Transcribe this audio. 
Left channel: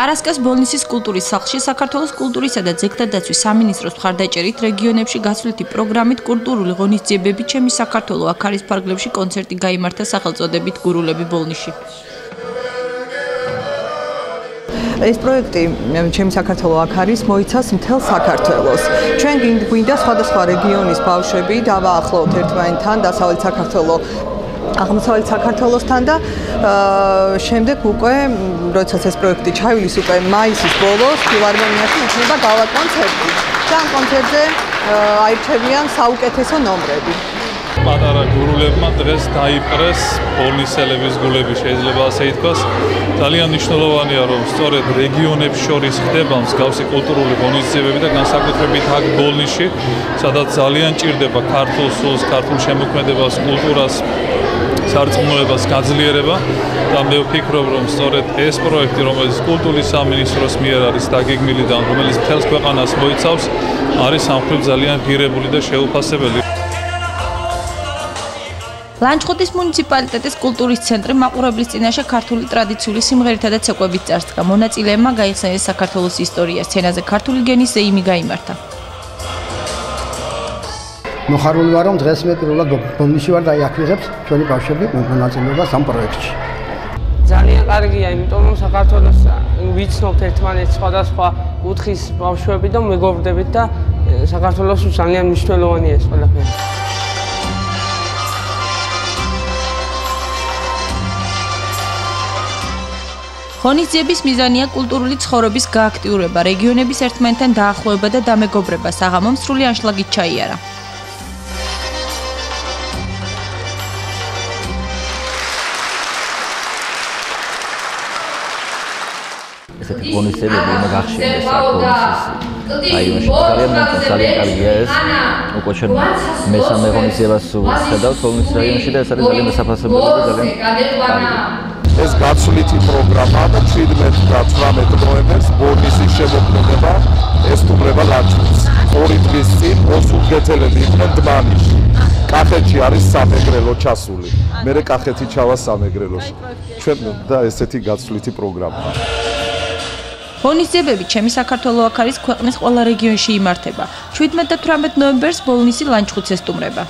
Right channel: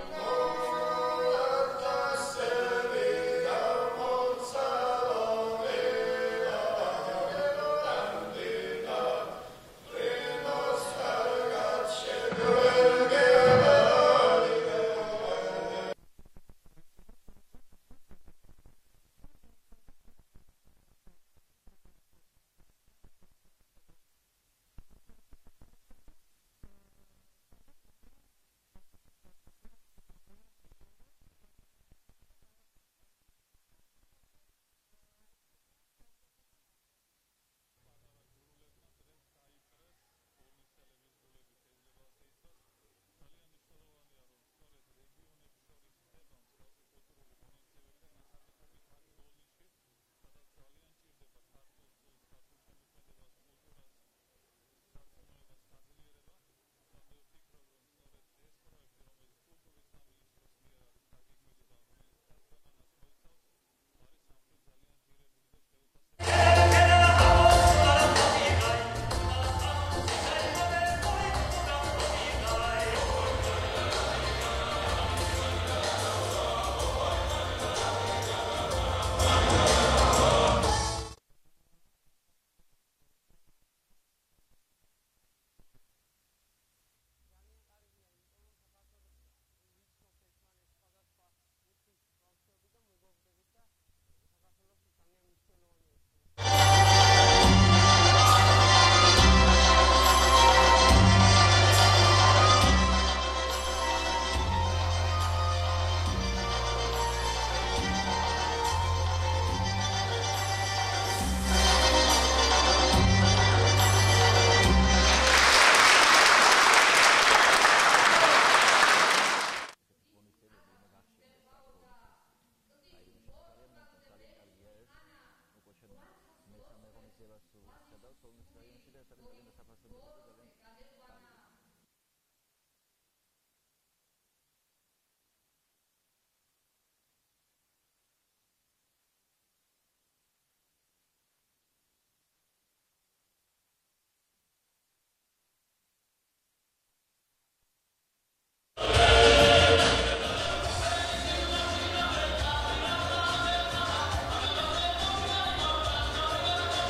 პარასკევს ბოლნისის კულტურის სახლში საქართველოს კულტურისა და ძეგლთა დაცვის სამინისტროს მხარდაჭერით რეგიონებში გასვლითი პროგრამით კულტურული ღონისძიებები ჩემი საქართველო აქ არის ფარგლებში კონცერტი გაიმართა სახელწოდებით გურულები ბოლნისში. ეს პროექტი ჩემი საქართველო აქ არის მოიცავს მთელ საქართველოს. ჩვენ გვინდა სხვადასხვა რეგიონის ბავშვები დავაახლოვოთ ერთმანეთთან დასავლეთ საქართველოს აღმოსავლეთ საქართველოსთან და შემდეგ უკვე როდესაც ეს პროექტი ჩაივლის უკვე მაისის ბოლოს ფილარმონიაში იქნება გავა კონცერტი და ამ კონცერტზე აირჩევიან საუკეთესო ნომრები. პატარა გურულებმა დღეს დაიპყრეს ბოლნისელების გულები, შეიძლება ასე ითქვას. ძალიან მნიშვნელოვანია, რომ სწორედ რეგიონებს შორის ხდება მსგავსი კულტურული ღონისძიებები და განსაკუთრებით აქ ბოლნისში, სადაც ძალიან ჭირდება ქართულ სულს, ქართულ შემოქმედებას, კულტურას, სარწმუნოებას გაძლიერება და მე ვფიქრობ, რომ სწორედ ეს პროექტი, რომელიც კულტურის სამინისტროს მიერ არის დაგეგმილი და რომელიც მთელს ქვეყანას მოიცავს, არის სამხრივ ძალიან ღირებული და შეუფასებელი. ლანჩხუთის მუნიციპალიტეტის კულტურის ცენტრი მაყურებლის წინაშე ქართული ტრადიციული სიმღერითა და ცეკვებით წარსდგა. მონაწილეებმა გაიხსენეს საქართველოს ისტორია, სცენაზე ქართული გენის ზეიმი გაიმართა. მოხარული ვარ, რომ დღეს მე პირველად ბოლნისში ვარ და აქ ვიღებ ჩვენი ბავშვები მონაწილეობას ამ პროექტში. ძალიან კარგია, იმიტომ რომ საქართველოს ვიცნობთ ერთმანეთს სხვადასხვა კუთხის ბავშვები და მეგობრდებით და საქართველოს ძალიან მნიშვნელოვანია ეს ყველაფერი. ღონისძიების მიზანია კულტურული ცხოვრების გააქტიურება, რეგიონების ერთმანეთთან დაახლოება და დამეგობრება, საღამომ სრული ანშლაგით ჩაიარა. ესეთი ღონისძიებები უნდა გახშილდეს ბოლნისის რაიონში. ძალიან კარგია ეს. უკვე ჩვენ მესამე ღონისძიებას ვხედავთ ბოლნისის რაიონში და ეს არის ძალიან დასაფასებელი და ძალიან კარგი. ეს გაცვლითი პროგრამა და 17 და 18 ნოემბერს ბოლნისის შემოქმედება ესტუმრება ლანჩხუთს. 2 დღის წინ მოსულგეთელები იყვნენ დმანისში. კახეთში არის სამეგრელო ჩასული. მერე კახეთი ჩავა სამეგრელოში. ჩვენ და ესეთი გაცვლითი პროგრამა. ღონისძიებები ჩემი საქართველო აქ არის ქვეყნის ყველა რეგიონში იმართება. 17 და 18 ნოემბერს ბოლნისი ლანჩხუთს ესტუმრება.